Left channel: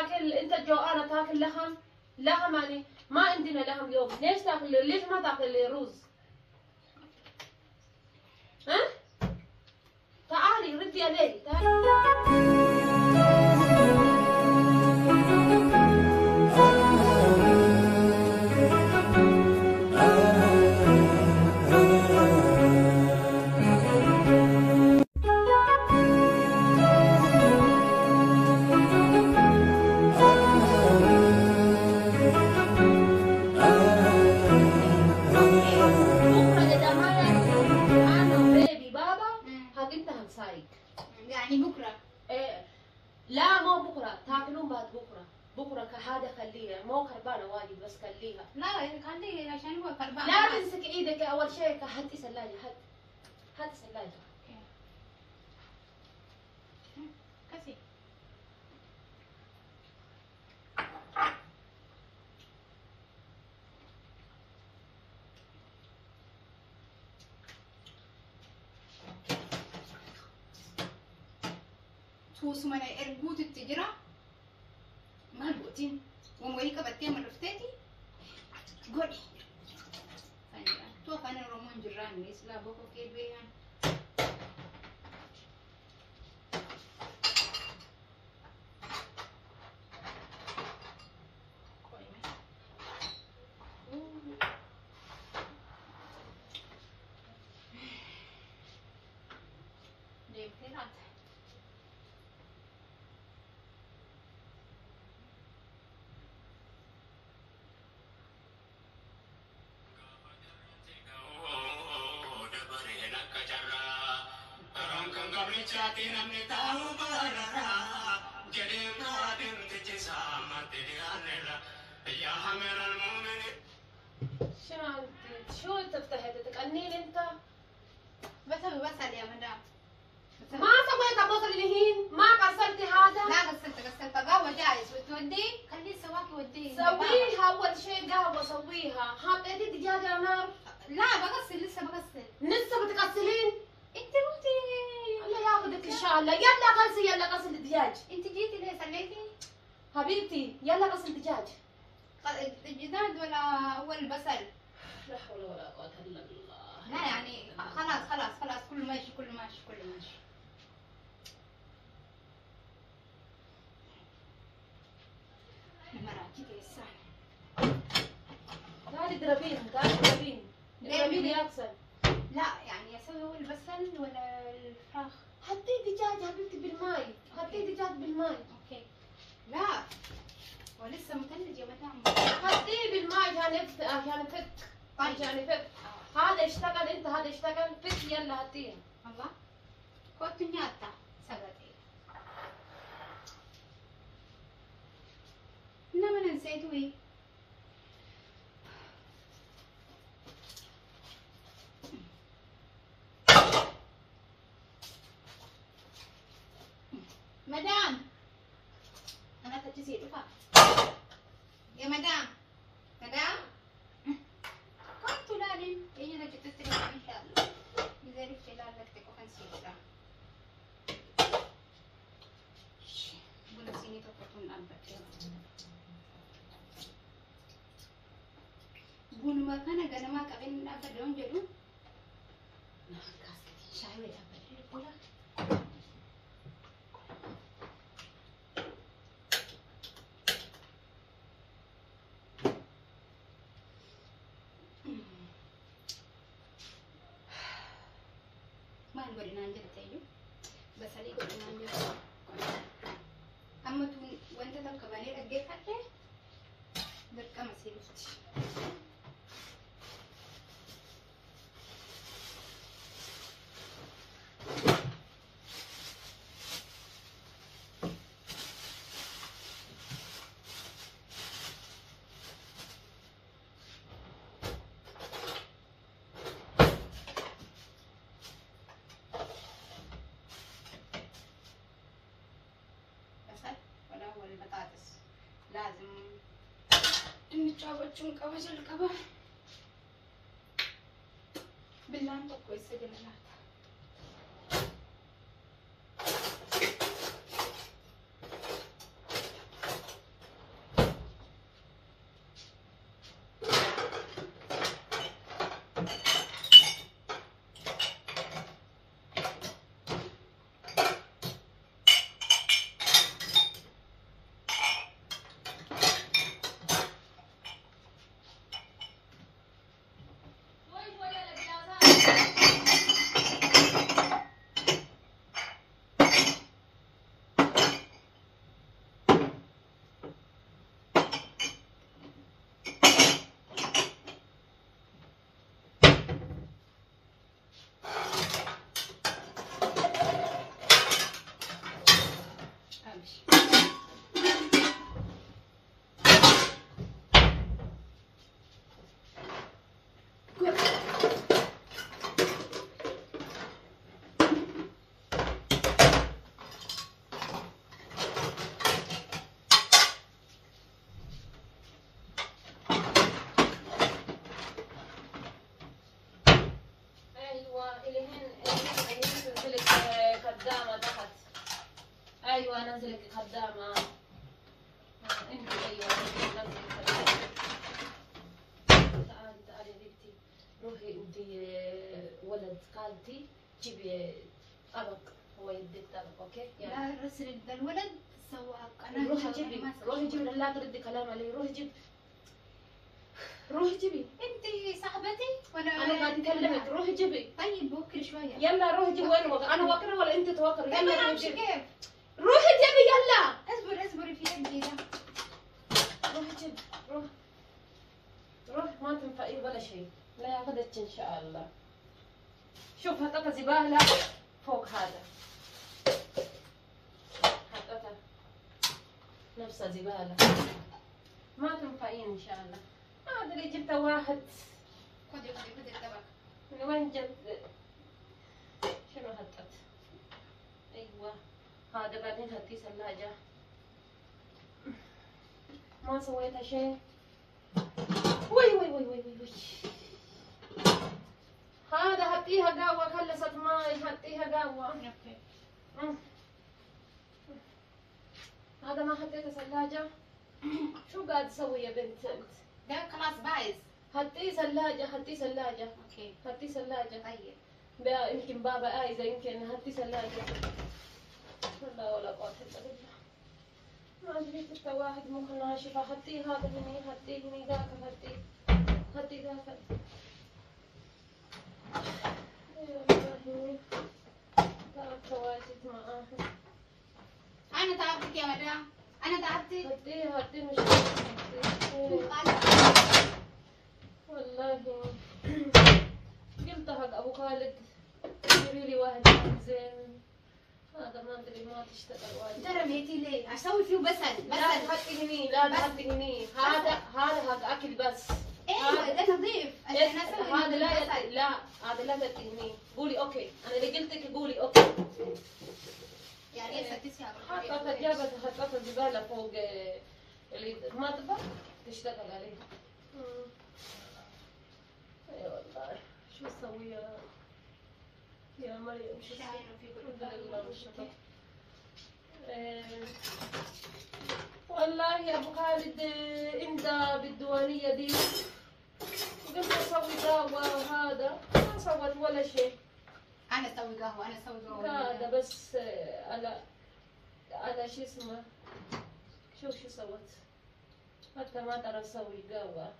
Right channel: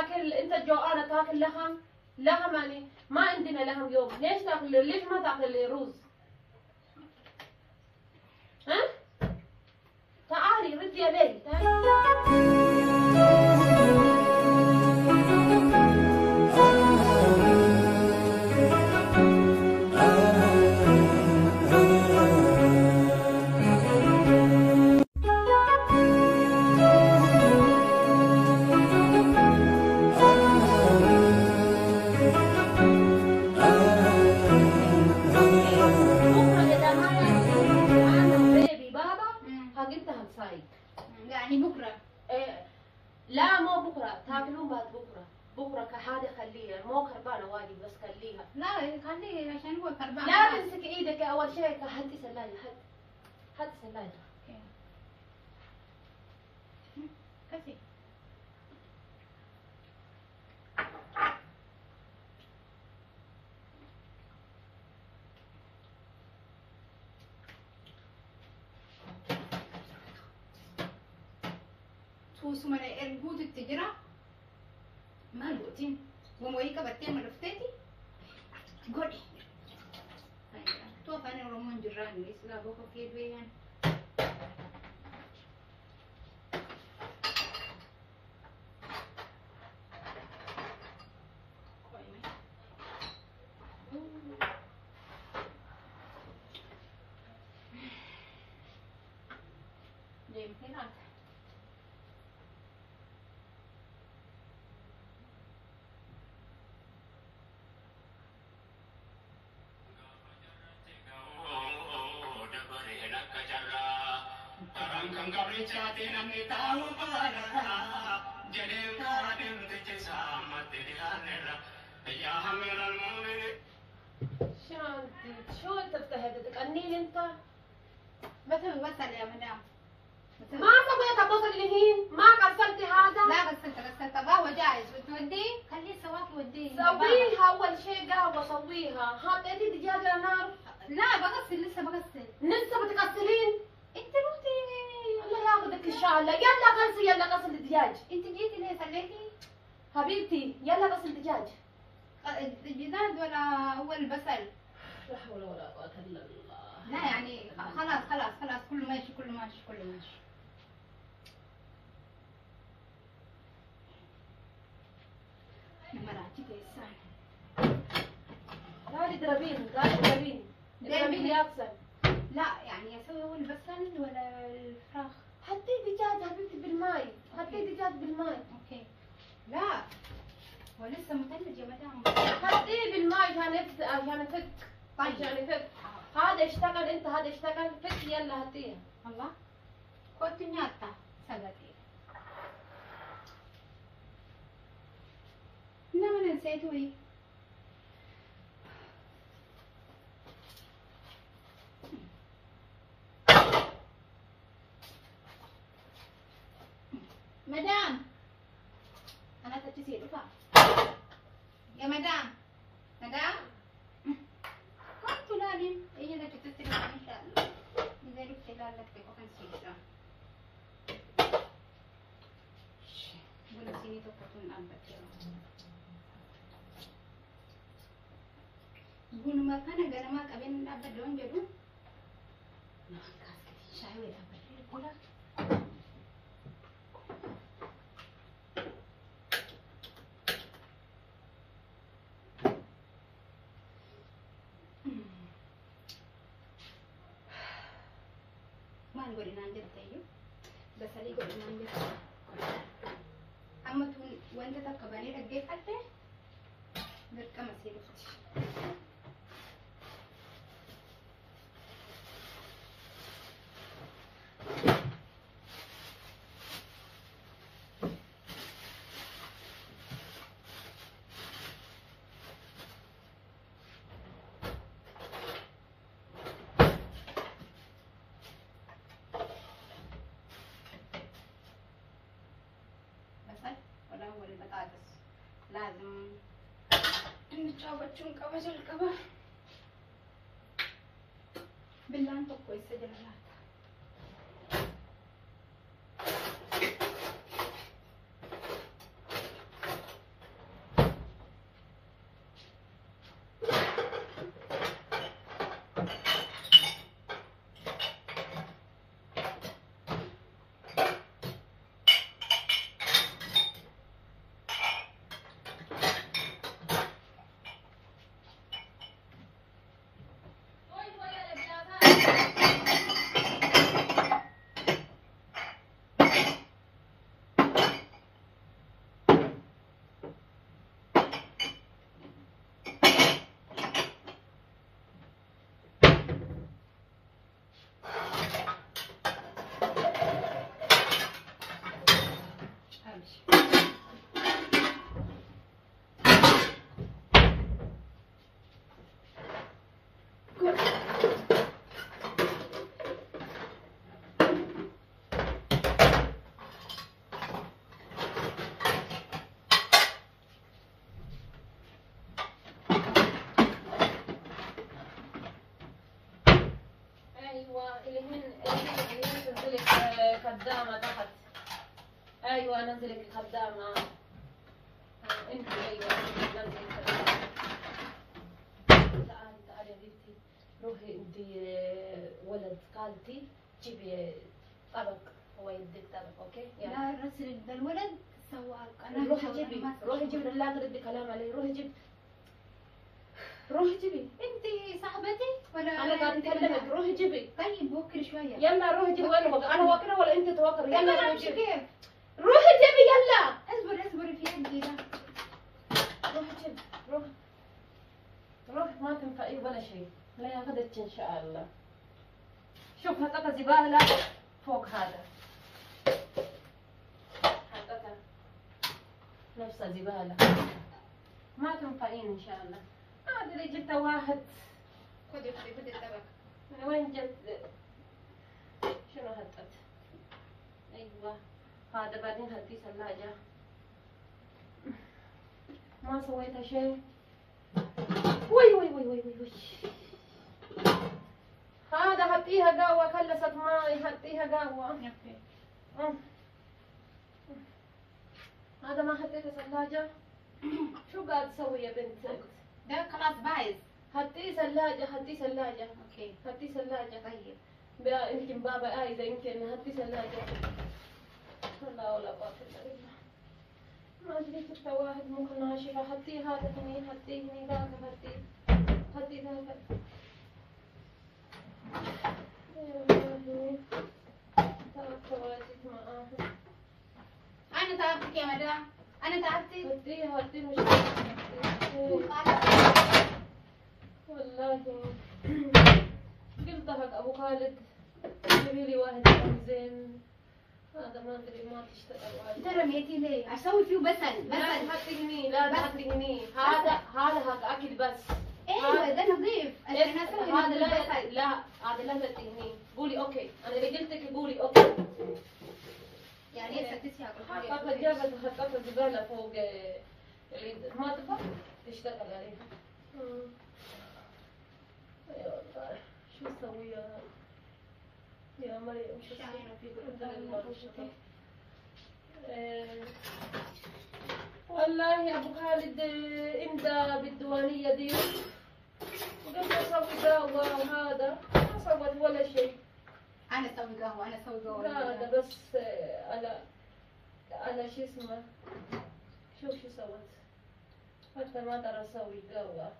تاكل، انت جوعانه تاكل لحم؟ لحم يعني ما عندنا لحم اليوم. ليش تاكل؟ ليش ما تاكل رز؟ ها؟ تعالي ردي علي تعالي. يعني بكره؟ إيه لا مو بكره، تاكلون بعد بكره. بكره كحاجه خليها، مو كربانه واجد بس خليها. لا خليه عشان هو كربان. لا تمسك ايدك اول شيء. هاتي ثلاجه، هاتي ثلاجه. كفي. توسو من اربوت التجرة ما بوتين ومويكا بتيم رفتاتي قولي تو فاني رومون جران بس لا بوكو كيف بيان شو انت بتهدد تقنين انت؟ بسل يا مدام. ما سويت بصل الهين، ما غسلتي هذا؟ لا غسلت قهوة جاهز بتوديه؟ خليه سواكي وديه. سويها اول شيء قهوه سويها. حطيتي دجاجه على النار؟ لا بغسل لسه بغسل. لسه بتغسلين؟ انت روحتي الله ياخذك ان شاء الله. يلا غسل، يلا غسل الدجاج. انت جيتي ليه سليتي؟ حبيبتي يلا غسل دجاج. الجداد ولا اول بسل؟ لا حول ولا قوه الا بالله. لا يعني خلاص كله ماشي كله ماشي. مراتي كيسان. تعالي اضربين يابسا. لا يعني اسوي اول بسل ولا الفراخ؟ حطي دجاج حبيبتي بالماي. حطي دجاج بالماي. اوكي. لا هو لسه مثلج يا مدام. حطيه بالماء عشان يفك. طيب. عشان يفك. هذا اشتغل، انت هذا اشتغل، فك يلا هاتيه. الله كنت نياتا سبتي. انما نسيتوا ايه؟ مدام انا تجسي دفع يا مدام كنت لازم ايه انا تستلم ان شاء الله اذا رحت لك تكون سيسا بقول سيني تكون ابك بقول ما كان غنما قبل ابد دون جدو نعم كاسكتي شاي ولا ابد godinaan jirtayyu basalii godinaan jirtu amma tun wanta takka banee dhaggeeffadhe dirqama sii dhufti. لازم نتجاوزون قبل القبر بالله انت كويسه جمالات أيوة نزلك خدامة. انت ايوه تعالي تعالي يا بنتي، روحي انت ولد خالتي جيبي أرق، هو يديك أرق اوكي؟ لا رسل ده الولد سواق. روحي جيبي، روحي جيبي، لا تردي كلام علي، روحي جيبي، روحي جيبي. انت صاحبتي ولا انا قاعد اكلمك، روحي جيبي. طيب وكري شويه. يلا روحي جيبي. وين انا واكله ولا انت توكري؟ طيب يلا انا روحي امشي جيبي، كيف؟ روحي جيبي يلا. اصبري في يدي ده. روحي جيبي، روحي ما تنفعي ولا شيء، لا ياخذك ان شاء الله. شوف حطيت زباله فوق هذا، حطيتها نفس زباله، ما تنفعين ان شاء الله. هذا اللي جبته واحد. خدي الطبق. من وين جبت؟ شنو حطيت؟ ايوه هذا، بعدين هدي ثلاجه، ما سويتها شيء. وي وي وي وي وي. هذا حطيها قهوة، خلصت ماي حطيها قهوة. اوكي. هذا ما حطيته ثلاجة. شو قاعد تسوي يا بنت انت؟ ده خلاص بايظ. حطيه ثلاجة، حطيه ثلاجة، اوكي. حطيه ثلاجة. طيب. يمكن بابا عايزة، يمكن حطيه ثلاجة. لا ولا قوة إلا بالله. ما أدري كنت واحد ممكن ناشفة. حطيه هذا هني، حطيه هني، ذاك حطيه، حطيه ذاك. انا تعبتك يا مدام. انا تعبتك. هدي مش والله. قلت حق ابو خالد جيبي لي واحد زين. هذا ما ادري ما تشتغل واجد. ترى رميتي ليه؟ اسوي فيه بسل. لا تحطي هني، لا تحطي هني. هذا حق اكل بس. ايوه ده نظيف. هذا لا هذا لا تحطي هني. قولي اوكي، انا اللي قلت لك قولي اوكي. يعني هسه تسيها بالطريقه. حطيت الزباله فوق اللي ما تبغى تشتغل عليها. يا والله شو اسوي يا مريم؟ شو اسوي؟ والله يا ابو خالد امتى بالديوانيه دي وقلت اسوي قهوه وهذا ما سوت ولا شيء. انا اسوي قهوه. هذا بس على شو اسمه. شوف شو سوت، حتى ما ترى اسوي قهوه.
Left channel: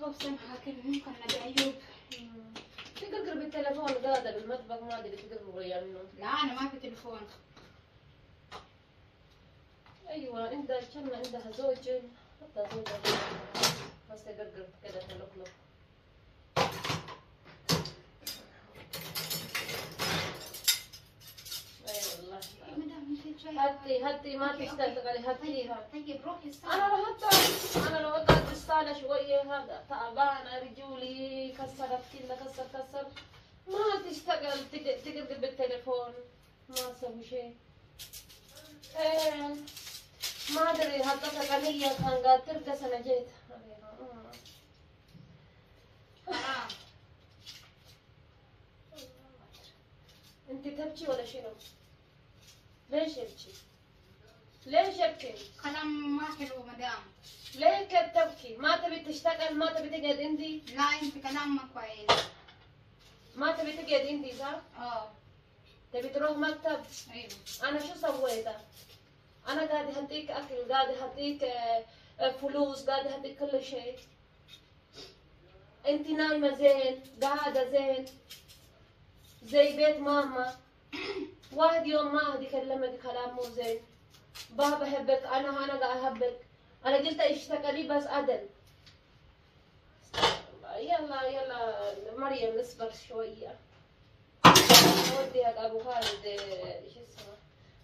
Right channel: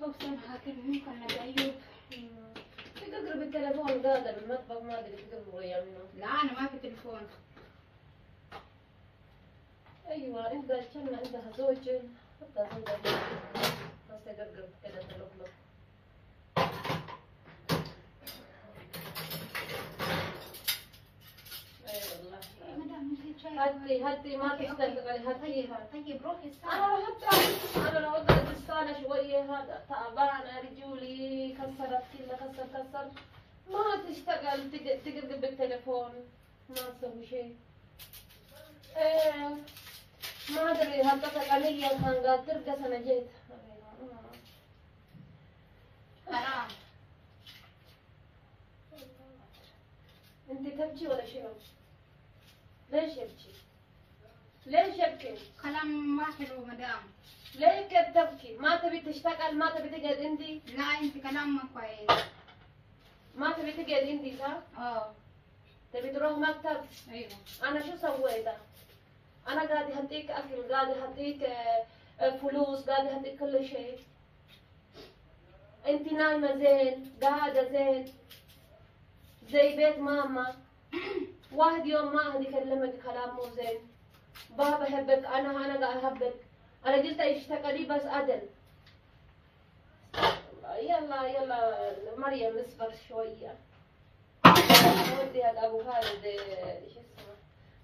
بوصل هاكل ممكن نبي ايوب. تقرب التليفون قاعده بالمطبخ، ما ادري تقرب يعني. لا انا ما في تليفون. ايوه انت كنا عندها زوج، حتى زوجها بس تقرب كذا تلفلف. اي والله. مدام انت شايفه. هدي ما تشتغلي، هديها. طيب روحي انا لو اقعد بالصاله شويه هذا تعبانه، رجولي كسرت كلها، كسر ما تشتغل. تقرب بالتليفون ما اسوي شيء. ما ادري حطيت قليل كان قاعد ترقص انا جيت. حرام. انت تبكي ولا شنو؟ ليش يبكي؟ ليش يبكي؟ كلام ما حلو مدام. ليه كده تبكي؟ ما تبي تشتغل؟ ما تبي تقعد عندي؟ لا انت كلام ما كويس. ما تبي تقعد عندي صح؟ تبي تروح مكتب؟ ايوه. انا شو سويت؟ انا قاعد اهديك اكل، قاعد اهديك فلوس، قاعد اهديك كل شيء. انت نايمه زين، قاعده زين زي بيت ماما. واحد يوم ما هدي كلمك كلام مو زين. بابا بحبك، انا قاعد احبك. انا قلت اشتغلي بس عدل. يلا مريم اصبر شويه. ودي هذا ابو خالد شو اسمه،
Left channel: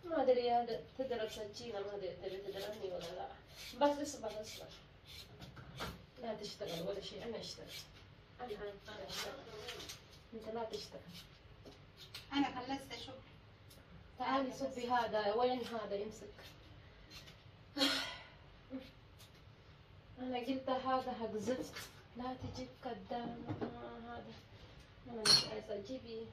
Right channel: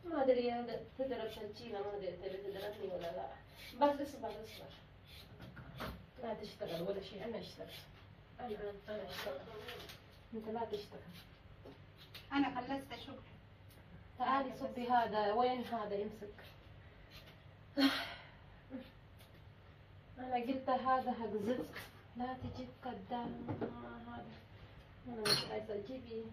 ما ادري هذا تدرس الجينا، ما ادري تبي تدرسني ولا لا. بس اصبر لا تشتغل ولا شيء. انا اشتغل، انا اشتغل، انت لا تشتغل. انا خلصت شغل. تعالي صبي هذا. وين هذا يمسك؟ انا قلت هذا حق زفت، لا تجيب قدام. هذا انا مش عايزه. جيبي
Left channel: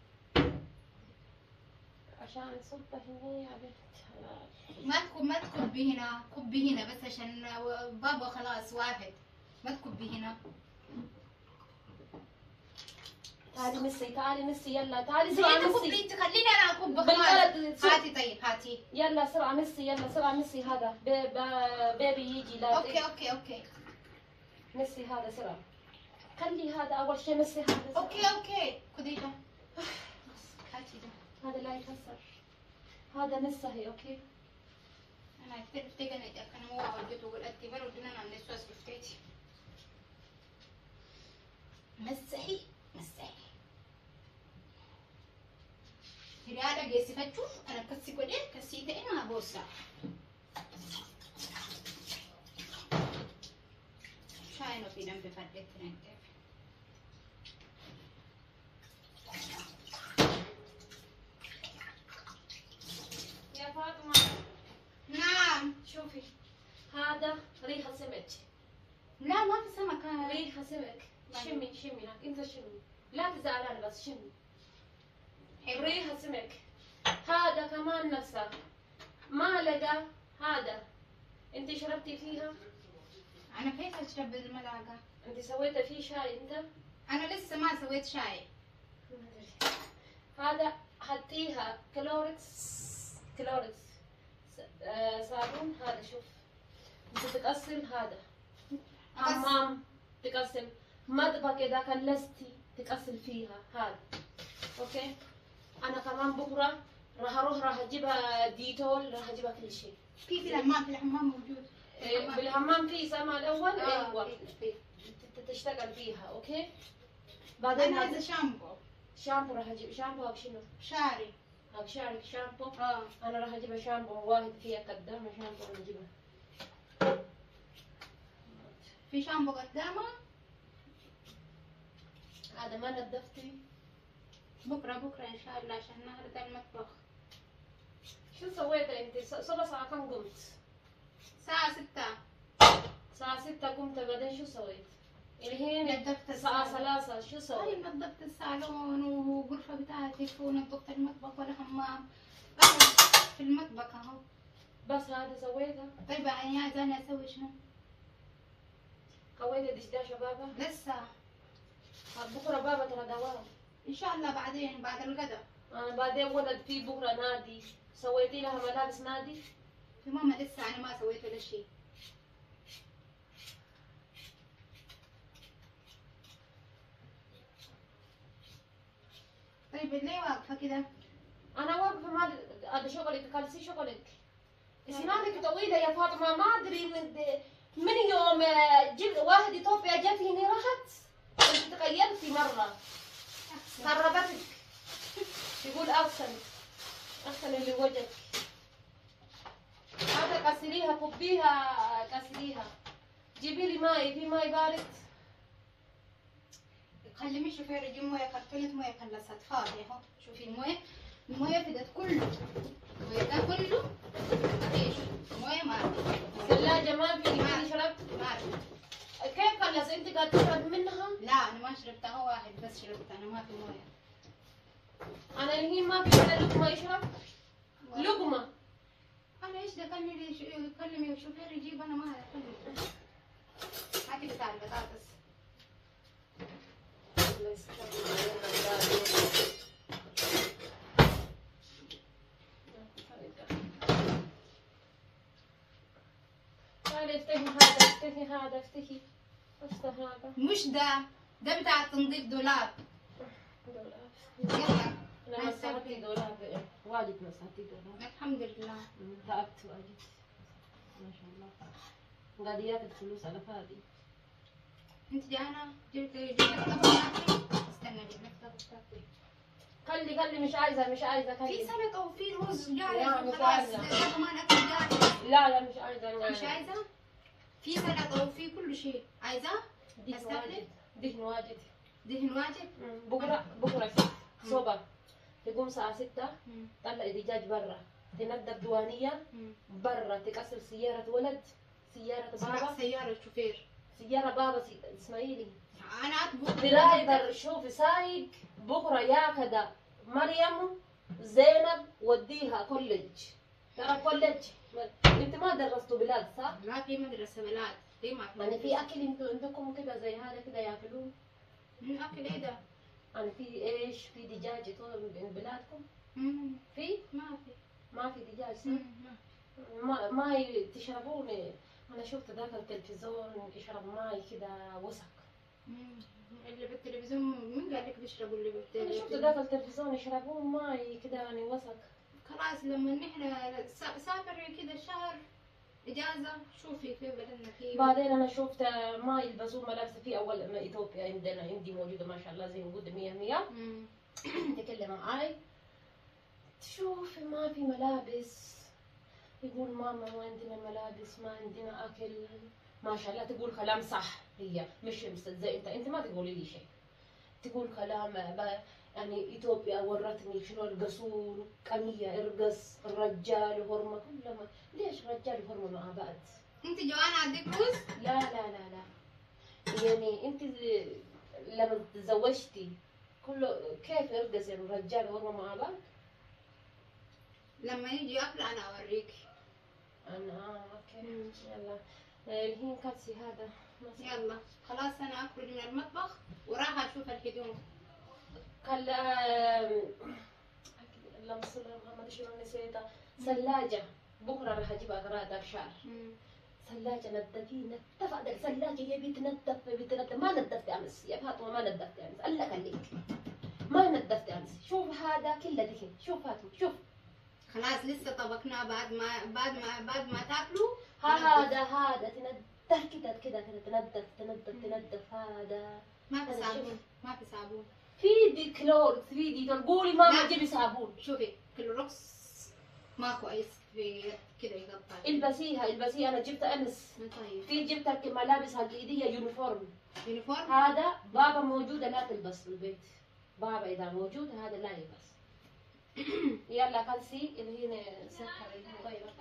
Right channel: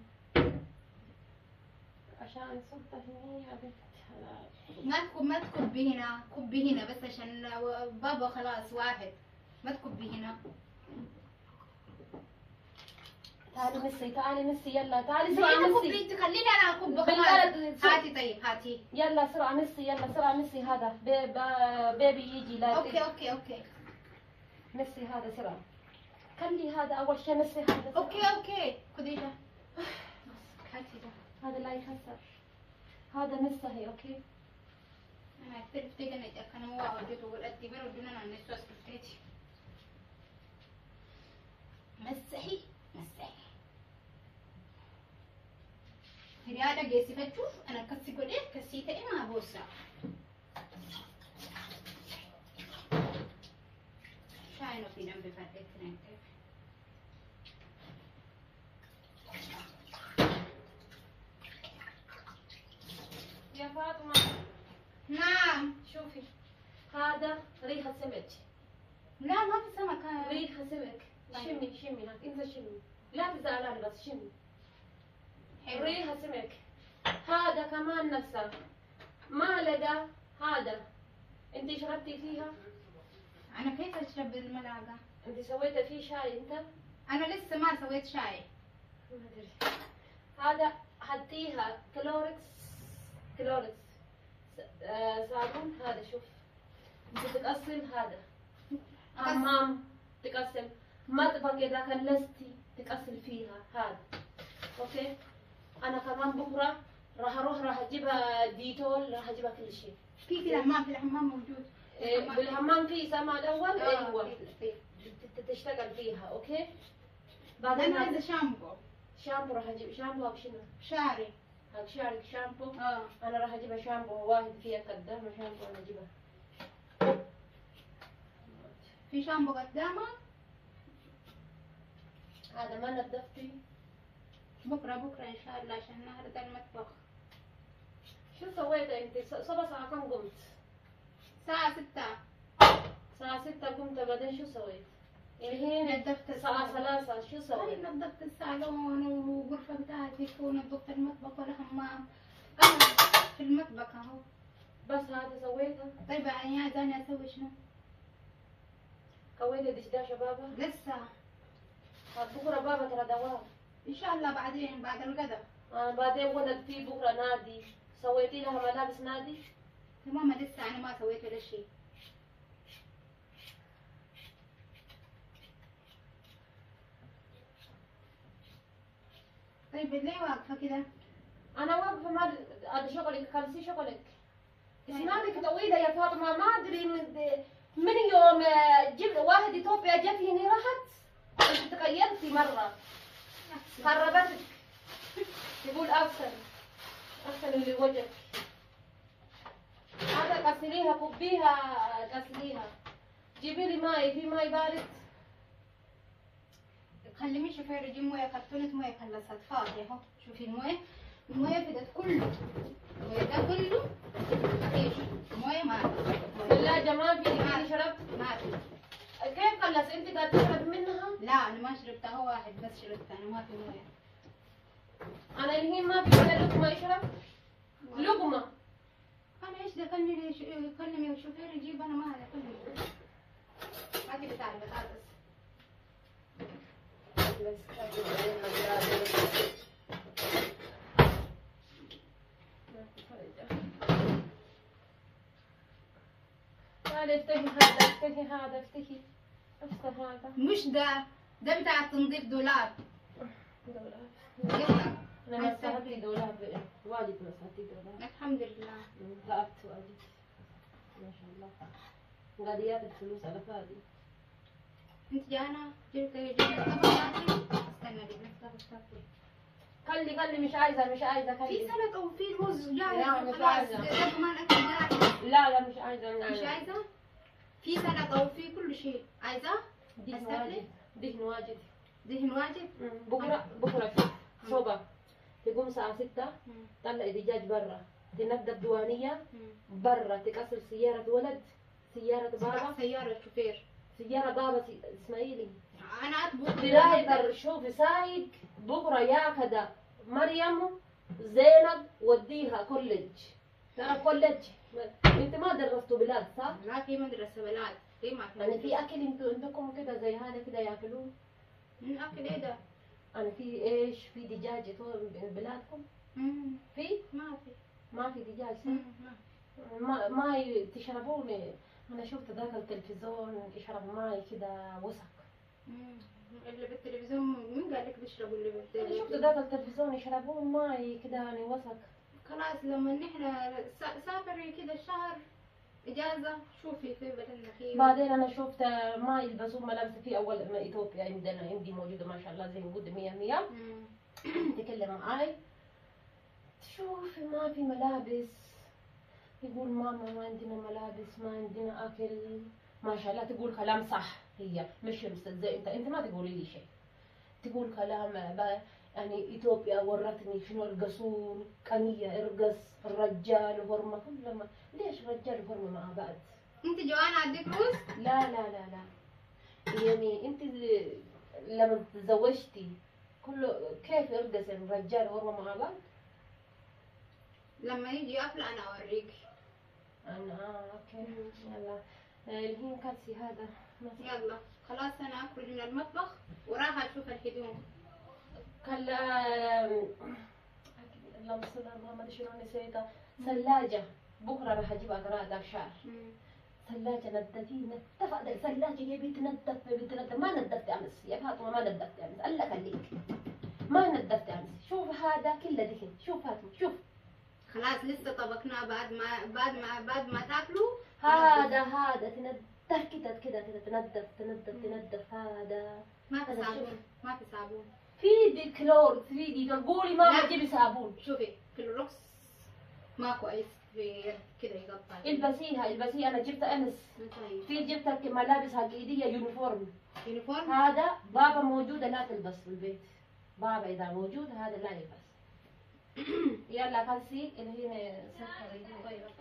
عشان يصبها هنا يا بنت حلال. ما تكبي هنا، كبي هنا بس عشان بابا خلاص واحد. ما تكبي هنا. تعالي ميسي تعالي ميسي يلا تعالي زي سرعة انت ميسي. كبي، انت خليني انا اكب خلاص. بالبلد هاتي طيب هاتي. يلا سرعة ميسي يلا سرعة ميسي هذا بيبي يجي لا اوكي ميسي هذا سرعة. خلي هذا أول شيء ميسي هذا. اوكي خذي ده. هاتي ده. هذا لا يخسر. هذا ميسي اوكي. انا اعترف تيجي انا مو عودت وقول ادي برو دون انا الناس بفتيتي. مسحي هذا جيسي فتشوف انا كسي قولي كسيته انا بوسع. شاينه في جنب فرقت اثنين. يا فاطمة نعم. شوفي هذا ريحة سمك. لا ما في سمك. ريحة سمك. شمي انت شمي لا تزعلاني بس شمي. حلو. ريحة سمك. هذا كمان نفسه معلقة. هذا انت شربتي فيها؟ انا كيف اشرب بالملعقه؟ انت سويتي فيه شاي انت؟ انا لسه ما سويت شاي. هذا حطيها كلوركس صابون. هذا شوف انت تغسل هذا حمام تغسل مطبخ اذا كلستي تغسل فيها هذا اوكي. انا كمان بكره راح اجيبها ديتول راح اجيبها كل شيء. في الحمام موجود. بالحمام في سما الاول ايوه تشتغل فيها اوكي. بعدين انا عايزه شامبو راح اجيب شامبو او شنو؟ شعري. شعرك شامبو. انا راح اجيبها شامبو واحد فيها قدامه شامبو راح اجيبها. في شامبو قدامه. هذا ما نظفتي؟ بكره ان شاء الله عشان النهارده المطبخ. شو سويتي انت؟ صبا ساعة كم قمت؟ الساعة 6. الساعة 6 قمت بعدين شو سويت؟ الحين نظفت الساعة 3 شو سويت؟ نظفت الصالون والغرفة بتاعتي ونظفت المطبخ والحمام. أنا في المطبخ أهو. بس هذا سويته؟ طيب يعني عايزاني أسوي شنو؟ سويتي دشداشة بابا؟ لسه. بكرة بابا ترى دوام. إن شاء الله بعدين بعد الغداء. بعدين ولد في بكرة نادي. سويتي لها ملابس نادي؟ يا ماما لسه أنا ما سويت ولا شيء. طيب ليه واقفة كده؟ أنا واقفة ما هذا شغلك كالسي شغلك. سنانك طويلة يا فاطمة ما أدري من يوم جبت واحد إثيوبيا جت هنا راحت. أنت تغيرتي مرة. خربتك. يقول أغسل اللي وجهك. هذا غسليها كبيها غسليها. جيبي لي ماي في ماي بارد. خلي مش شوفي رجيم مويه كرتونة مويه خلصت فاضية اهو. شوفي المويه فدت كله. المويه ده كله ايش؟ مويه ما في. ثلاجة ما في اللي شربت؟ ما في. كيف خلص انت قاعد تشرب منها؟ لا انا ما شربتها واحد بس شربتها انا ما في مويه. انا الحين ما في ولا لقمة يشرب؟ لقمة. انا ايش دخلني ليش يكلمي الشوفير يجيب انا ما اكلم. هاتي بتاع البطاطس. تعالي افتحي هذا افتح هذا. مش ده بتاع تنظيف دولاب. يلا انا مسحتي دولاب واجد مسحتي دولاب. الحمد لله. تعبت واجد ما شاء الله. قاعد ياخذ فلوس على فاضي. انت جانا جبت طبق استنى اجيب لك طبق. خلي مش عايزة في خلي. سلطة وفي رز جاهز. لا، مش خلاص عايزة. ده كمان اكل جاهز. لا مش عايزة. مش عايزة؟ في سلطة وفي كل شيء. عايزة؟ دهن واجد. دهن واجد؟ بكرة صبح تقوم الساعة 6 طلع دجاج برا تنظف ديوانية برا تكسر سيارة ولد سيارة بابا سيارة بابا اسماعيلي أنا أطبخ درايفر شوفي سايق بكرة ياخد مريم زينب وديها كوليدج. ترى كوليدج انت ما درستوا بلاد صح؟ لا في مدرسة بلاد، في ما في يعني في اكل انتوا عندكم كده زي هذا كده ياكلوه؟ من أكل إيه ده؟ يعني في ايش؟ في دجاج طول بلادكم؟ في؟ ما في دجاج صح؟ ما ما تشربون؟ انا شفت ذاك التلفزيون يشربوا ماي كده وسخ. اللي بالتلفزيون مين قال لك بيشربوا اللي انا شفت بالتلفزيون؟ ذاك التلفزيون يشربون ماي كده يعني وسخ. خلاص لما نحن سافر كده شهر إجازة شوفي في بدلنا فيه. بعدين انا شفت ما يلبسون ملابس في اول ما اثيوبيا عندي موجوده ما شاء الله زي موجوده 100 تكلم معاي تشوفي ما في ملابس، يقول ماما ما عندنا ملابس ما عندنا اكل، ما شاء الله تقول كلام صح، هي مش زي انت ما تقولي لي شيء، تقول كلام يعني اثيوبيا ورتني شنو القصور كمية ارقص الرجال وهرمة كلها. ليش الرجال وهرمة مع بعض؟ انت جوانا عندك فلوس؟ لا يعني انت لما تزوجتي كله كيف يرقص الرجال وهرمة مع بعض؟ لما يجي أكل أنا أوريك. انا اوكي يلا الحين كبسي هذا يلا خلاص أنا أخرج من المطبخ وراح أشوف الهدوم. كلا اللهم صل على محمد شنو نسيتها ثلاجة بكرة راح اجيب اغراض شعر. ثلاجة نظفي نظف ثلاجة يا بنت نظف ما نظفت امس يا فاطمة ما نظفت امس الله خليك ما نظفت امس. شوف هذا كله دهن شوف فاطمة شوف خلاص لسه طبخناه بعد ما تاكلوا. هذا تنظف كده تنظف هذا ما في صابون ما في صابون. في دي كلور في دي قولي ماما جيبي صابون. شوفي كلوروكس ما كويس في كده يقطع. البسيها انا جبت امس. طيب في جبت ملابس هالإيدية يونيفورم هذا بابا موجودة لا تلبس في البيت. بابا إذا موجود هذا لا يلبس. يلا خلصي اللي هنا سكري غيره.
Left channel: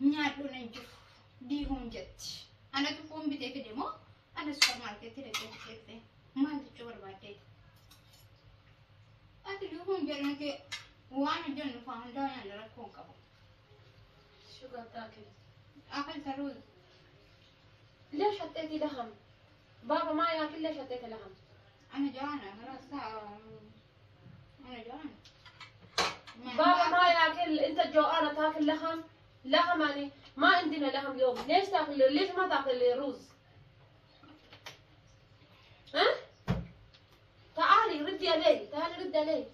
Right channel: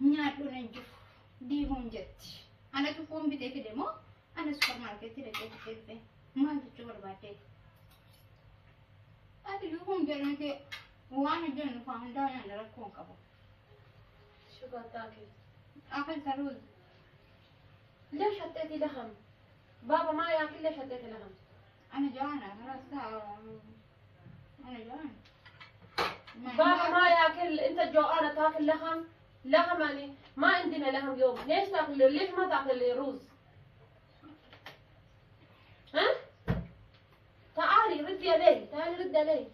nyaadho nan juf di hon jetti ana to kombi de fide mo ana supermarket de jetti man to chor bate ati du hon jere ke وانا جن فاندان انا ركون كبو شو قاعد تاكل؟ اكلت رز. ليش حطيتي لحم؟ بابا ما ياكل ليش حطيتي لحم؟ انا جوعانه خلاص انا جوعانه. بابا ما ياكل انت جوعانه تاكل لحم؟ لحم يعني ما عندنا لحم اليوم، ليش تاكل ليش ما تاكل رز؟ ها؟ تعالي ردي علي تعالي ردي علي.